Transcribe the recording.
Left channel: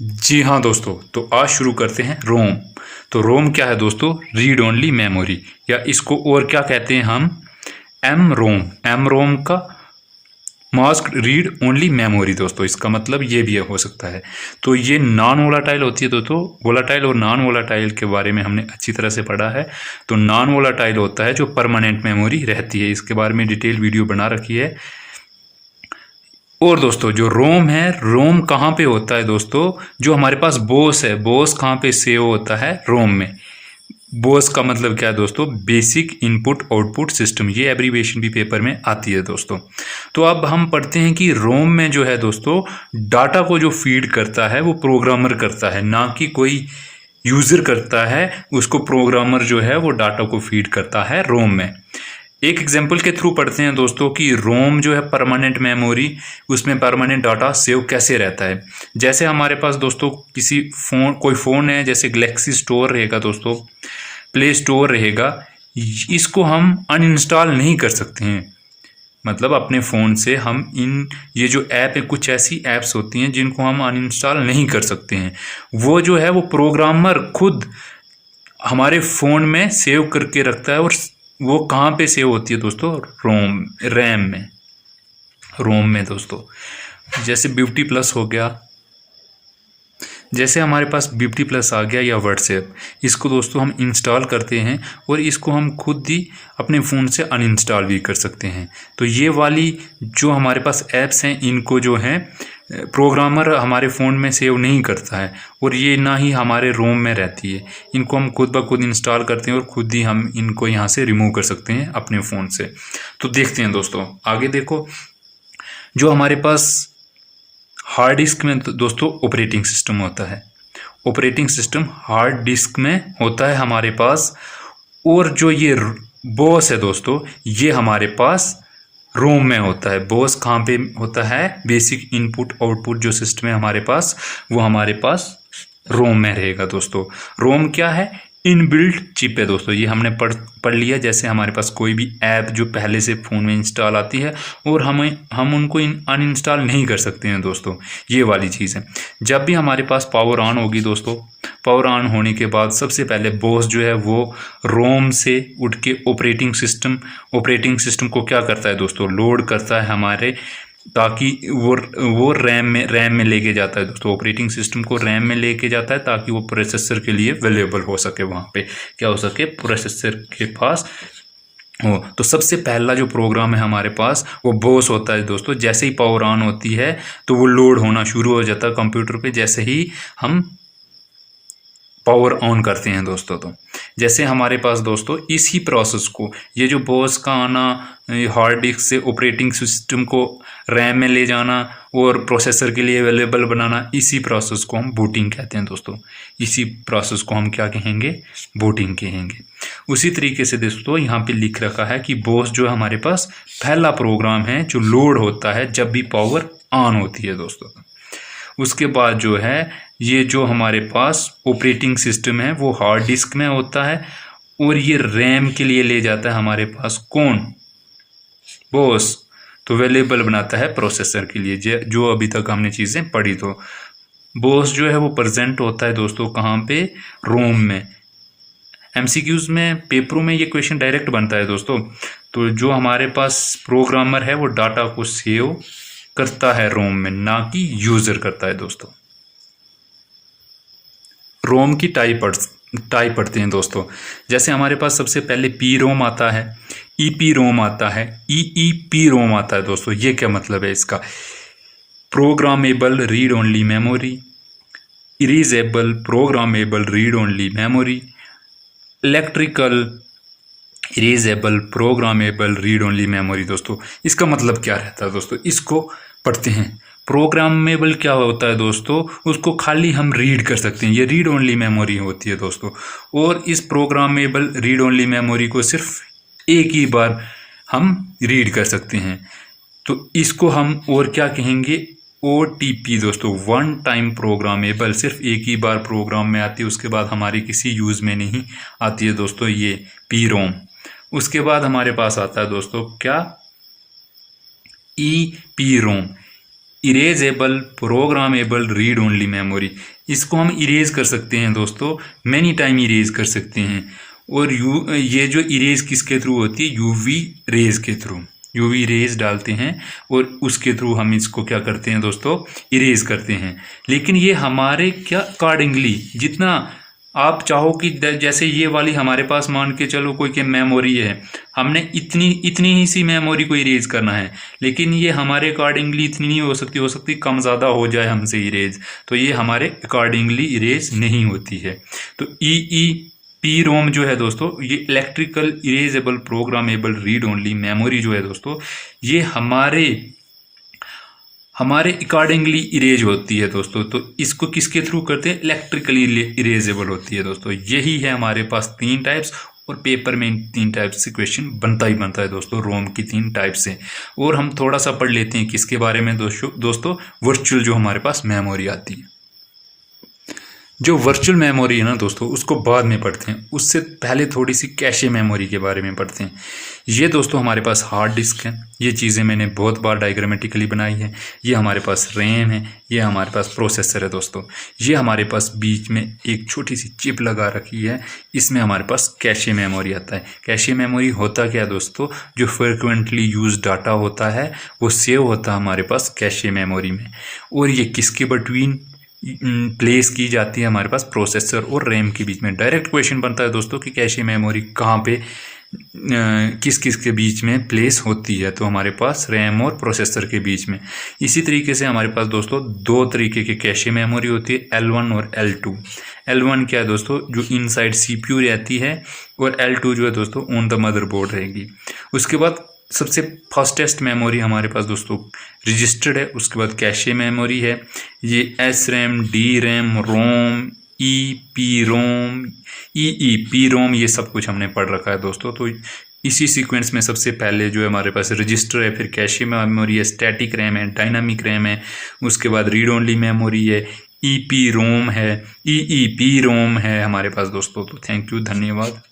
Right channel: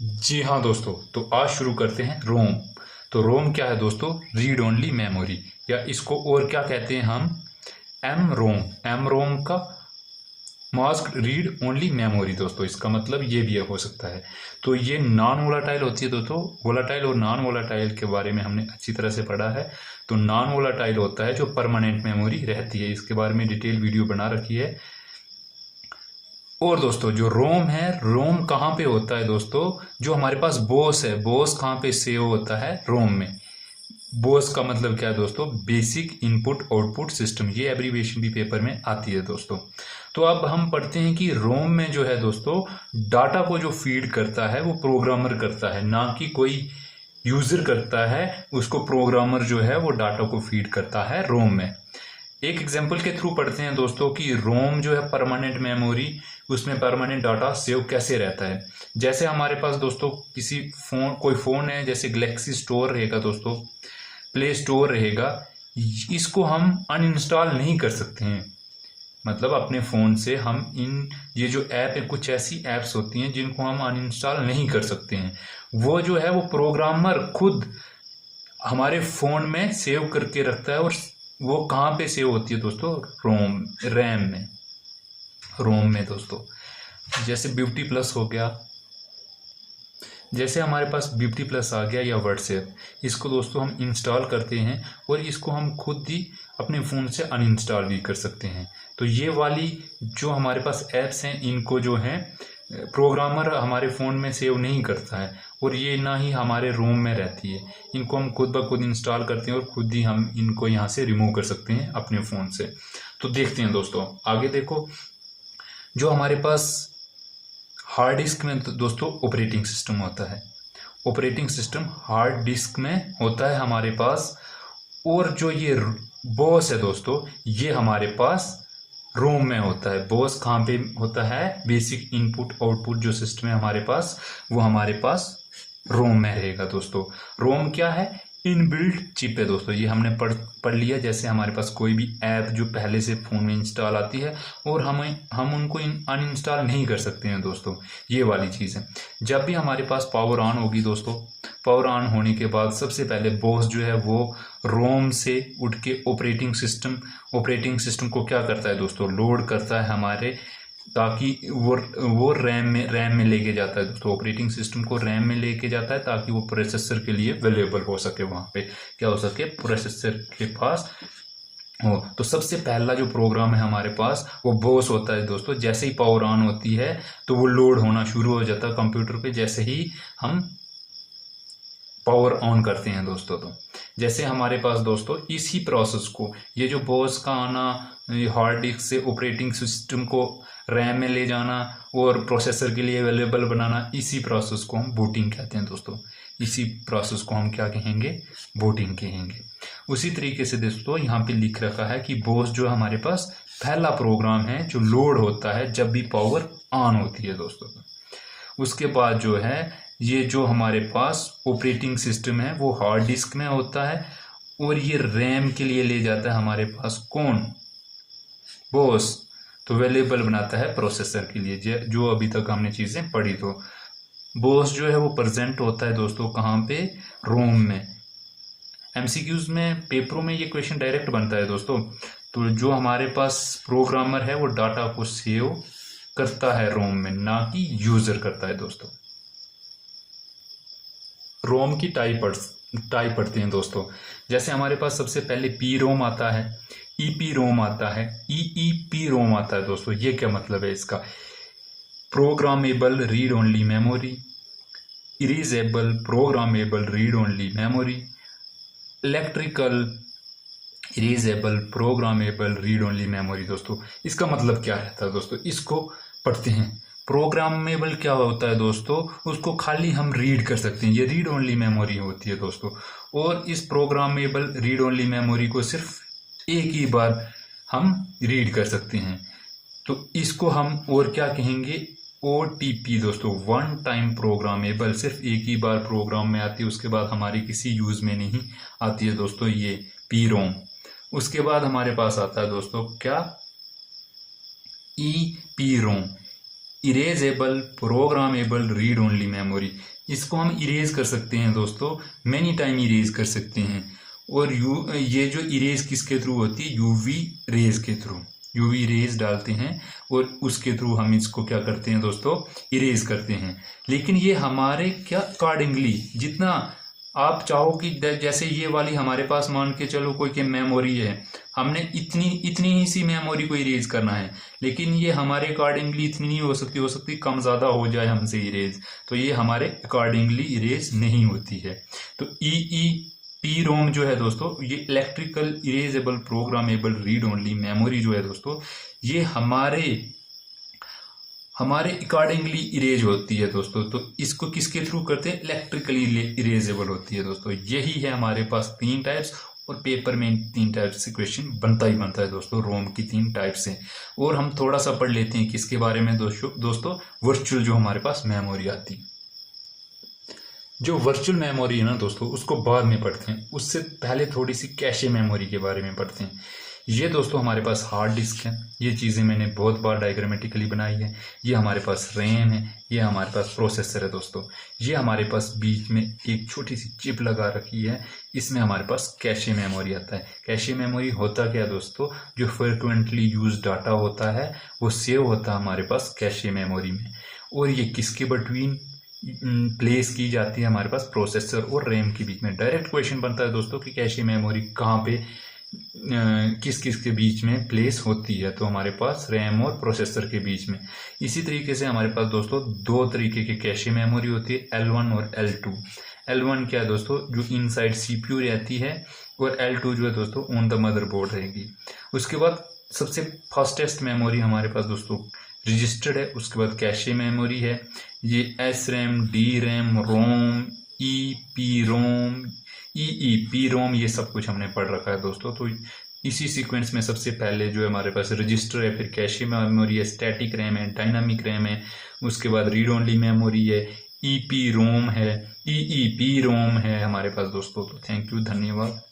जी हाँ दोस्तों, तो आज शुरू करते हैं रोम। तो रोम क्या है दोस्तों? रीड ओनली मेमोरी, या इसको और क्या कहते हैं हम? एम रोम। एम रोम का मास्क रीड ओनली मेमोरी दोस्तों, इसका मतलब ये भी हो सकता है। तो ये नॉन वोलाटाइल होती है दोस्तों। वोलाटाइल और नॉन वोलाटाइल के बारे में हमने अच्छी तरह से पढ़ा है। तो नॉन वोलाटाइल होता है जो परमानेंट मेमोरी रहती है, इसके बारे में डिटेल वीडियो बना रखी है। और दोस्तों जो रोम है, रोम कहाँ पे होता है दोस्तों? जो हमारे पास बोस है, बोस कहाँ पे सेव होता है? रोम में। बोस का मतलब क्या है दोस्तों? Basic input output system. ये एब्रीविएशन भी पेपर में आती है दोस्तों। तो अब हम पढ़ते हैं कि रोम में जो है दोस्तों, डाटा को जो फीड करता है वो प्रोग्रामर करता है, ना कि कोई यूज़र करता है। उसको प्रोग्रामर जो है वो डाटा को फीड करता है रोम में। एक एग्जांपल के थ्रू पढ़ते हैं दोस्तों कि रोम जो है परमानेंट मेमोरी, उसमें परमानेंट डाटा सेव कैसे रहता है। जैसे हमारे पास दोस्तों कोई फ़ोन है, जैसे गैलेक्सी स्टोर रहेगा दोस्तों, प्ले स्टोर रहेगा। इसको हम अनइंस्टॉल नहीं कर सकते हैं। मतलब अपने फ़ोन से हम ये जो ऐप है, कुछ ऐसी ऐप्स होती हैं जिनको हम अनइंस्टॉल नहीं कर सकते हैं। वो जो है वो प्रोग्रामर खुद हमारे फ़ोन में सेव करके रखता है। और वो कहाँ पे सेव होती है दोस्तों? रैम में, रोम में दोस्तों। जैसे ब्यूटी प्लस हो गया, जैसे हमारे पास ब्यूटी प्लस आ गया या व्हाट्सएप, इसको दोस्तों हम इंस्टॉल करते हैं और इसको हम खुद ही अपने फ़ोन से अनइंस्टॉल भी कर सकते हैं। तो ये वाली जो हमारे पास ऐप्स हैं, इनको जो है प्रोग्रामर हमारे फ़ोन में सेव नहीं करता है, और ये ना ही हमारे रोम में रहती है। इनको हम खुद ब खुद इंस्टॉल करते हैं और खुद ही हम इनको यहाँ से रिमूव कर सकते हैं अपने फ़ोन से। तो देखते हैं दोस्तों, आगे देखो। जो हमारे पास हार्ड डिस्क में दोस्तों ऑपरेटिंग सिस्टम होता है। ऑपरेटिंग सिस्टम हार्ड डिस्क में होता है हमारे पास। और जो ये बॉस है दोस्तों, ये हमारे पास रोम में होता है। बॉस कहाँ पे होता है? बेसिक इनपुट आउटपुट जो सिस्टम है हमारे पास, वो हमारे पास रोम में रहेगा दोस्तों। रोम क्या है? इनबिल्ट चिप है दोस्तों। ये हमने पढ़ लिया। जैसे हमारे पास कोई भी ऐप जो पहले से फ़ोन में इंस्टॉल आती है और हम उनको अनइंस्टॉल नहीं कर सकते हैं दोस्तों, ये वाली चीज़ है। जब भी हमारे पास पावर ऑन होगी दोस्तों, पावर ऑन होने के बाद सबसे पहले बॉस जो है वो रोम से उठ के ऑपरेटिंग सिस्टम को क्या करता है दोस्तों? लोड करता है हमारे, ताकि वो रैम में लेके जाता है दोस्तों। ऑपरेटिंग सिस्टम को रैम में लेके जाता है ताकि वो प्रोसेसर के लिए अवेलेबल हो सके, वहाँ पे क्या हो सके, प्रोसेसर के पास हो। तो सबसे पहला जो प्रोग्राम है हमारे पास, वो बॉस होता है दोस्तों। जैसे ही पावर ऑन होती है तो वो लोड होना शुरू हो जाता है कंप्यूटर पे, जैसे ही हम पावर ऑन करते हैं दोस्तों। तो जैसे हमारे पास दोस्तों इसी प्रोसेस को, ये जो बॉस का आना, हार्ड डिस्क से ऑपरेटिंग सिस्टम को रैम में ले जाना और प्रोसेसर के लिए अवेलेबल बनाना, इसी प्रोसेस को हम बूटिंग कहते हैं दोस्तों। इसी प्रोसेस को हम क्या कहेंगे? बूटिंग कहेंगे। उसी तरीके से दोस्तों यहाँ पे लिख रखा है कि बॉस जो हमारे पास पहला प्रोग्राम है जो लोड होता है जब भी पावर ऑन होती है दोस्तों। उसके बाद जो है, ये जो हमारे पास ऑपरेटिंग सिस्टम है वो हार्ड डिस्क में होता है, और ये रैम के लिए ले जाता है हमारे पास कौन? बॉस। तो अवेलेबल बनाता है प्रोसेसर के लिए, जो अभी तक हमने चीज़ें पढ़ी। तो बॉस जो है वो प्रेजेंट होता है दोस्तों कहाँ पे? रोम में। एमसीक्यूज में, पेपरों में ये क्वेश्चन डायरेक्ट बनता है दोस्तों। तो जो हमारे पास प्रोग्रामर है वो डाटा को सेव करता है रोम में, ना कि यूज़र करता है दोस्तों। रोम की टाइप पढ़ते हैं दोस्तों। जैसे हमारे पास सबसे पहले पी रोम आता है, ईपी रोम आता है, ईईपी रोम आता है दोस्तों। ये क्या मतलब है इसका? Programmable read only memory, erasable programmable read only memory, electrical erasable programmable read only memory. दोस्तों इसका मतलब क्या रहता है दोस्तों? इसको पढ़ते हैं। प्रोग्रामेबल क्या होता है दोस्तों? उसको खाली हम रीड कर सकते हैं, ये रीड ओनली मेमोरी होती है दोस्तों। और इस प्रोग्रामेबल रीड ओनली मेमोरी को सिर्फ एक ही बार हम रीड कर सकते हैं। तो इसको हम और क्या कहेंगे? OTP दोस्तों, वन टाइम प्रोग्रामेबल। सिर्फ एक ही बार प्रोग्राम में आती है, उसके बाद हमारी किसी यूज़ में नहीं आती है दोस्तों, ये पी रोम। उसके बाद हमारे पास आता है दोस्तों क्या? E P ROM. Erasable programmable read only memory, इसको हम इरेज कर सकते हैं दोस्तों, मैनी टाइम इरेज कर सकते हैं। और ये जो इरेज किसके थ्रू होती है, यूवी रेज के थ्रू, यूवी रेज डालते हैं और उसके थ्रू हम इसको क्या करते हैं दोस्तों, इरेज करते हैं। लेकिन ये हमारे क्या अकॉर्डिंगली, जितना आप चाहो कि जैसे ये वाली हमारे पास मान के चलो कोई के मेमोरी है, हमने इतनी ही सी मेमोरी को इरेज करना है, लेकिन ये हमारे अकॉर्डिंगली इतनी नहीं हो सकती कम ज़्यादा हो जाए हमसे इरेज, तो ये हमारे अकॉर्डिंगली इरेज नहीं होती है। तो पी रोम जो है दोस्तों, ये electrical erasable programmable read only memory जो है दोस्तों, ये हमारे अकॉर्डिंगली इरेज होती है दोस्तों। तो इसको किसके थ्रू करते हैं, इलेक्ट्रिकली इरेजेबल होती है दोस्तों। यही है हमारे पास 3 टाइप्स, और पेपर में 3 टाइप्स से क्वेश्चन बनता ही बनता है दोस्तों, रोम की 3 टाइप से। और हम थोड़ा सा पढ़ लेते हैं किसके बारे में दोस्तों, वर्चुअल जो हमारे पास मेमोरी आती है। जो वर्चुअल मेमोरी है ना दोस्तों, उसको बाद में पढ़ते हैं, उससे पहले थोड़ी सी कैशे मेमोरी के बारे में पढ़ते हैं। ये दोस्तों हमारे पास हार्ड डिस्क है, ये चीज़ें मैंने बहुत बार डायग्रामेटिकली बनाई है। ये हमारे पास रैम है, ये हमारे पास प्रोसेसर है दोस्तों। ये हमारे पास बीच में एक छोटी सी चिप लगा रखी है, इसमें हमारे पास कैशे मेमोरी आता है। कैशे मेमोरी होता क्या है दोस्तों, जो फ्रिक्वेंटली यूज डाटा होता है वो सेव होता है हमारे पास कैशे मेमोरी में। और ये किसके बिटवीन प्लेस की जाती है, हमारे पास प्रोसेसर और रैम के बीच में। डायरेक्ट क्वेश्चन बनता है दोस्तों कि कैशे मेमोरी कहाँ पे किस किस के बीच में प्लेस होती है, तो हमारे पास रैम और प्रोसेसर के बीच में। इसी तरीके से हमारे पास दोस्तों 2 तरीके की कैशे मेमोरी होती है, L1 और L2। L1 क्या है दोस्तों, जो इनसाइड CPU रहती है, और L2 जो है दोस्तों ऑन द मदरबोर्ड रहेगी। उसके बाद सबसे फास्टेस्ट मेमोरी हमारे पास दोस्तों रजिस्टर्ड है, उसके बाद कैशे मेमोरी है। ये SRAM, DRAM, रोम, EEPROM, ये सब कुछ हमने पढ़ रखा है दोस्तों। तो इसी सीक्वेंस में सबसे पहले जो है हमारे पास रजिस्टर है, फिर कैशे मेमोरी है, स्टैटिक रैम है, डायनामिक रैम है, उसके बाद रीड ओनली मेमोरी है, EEPROM है हमारे पास दोस्तों। तो थैंक यू, धन्यवाद।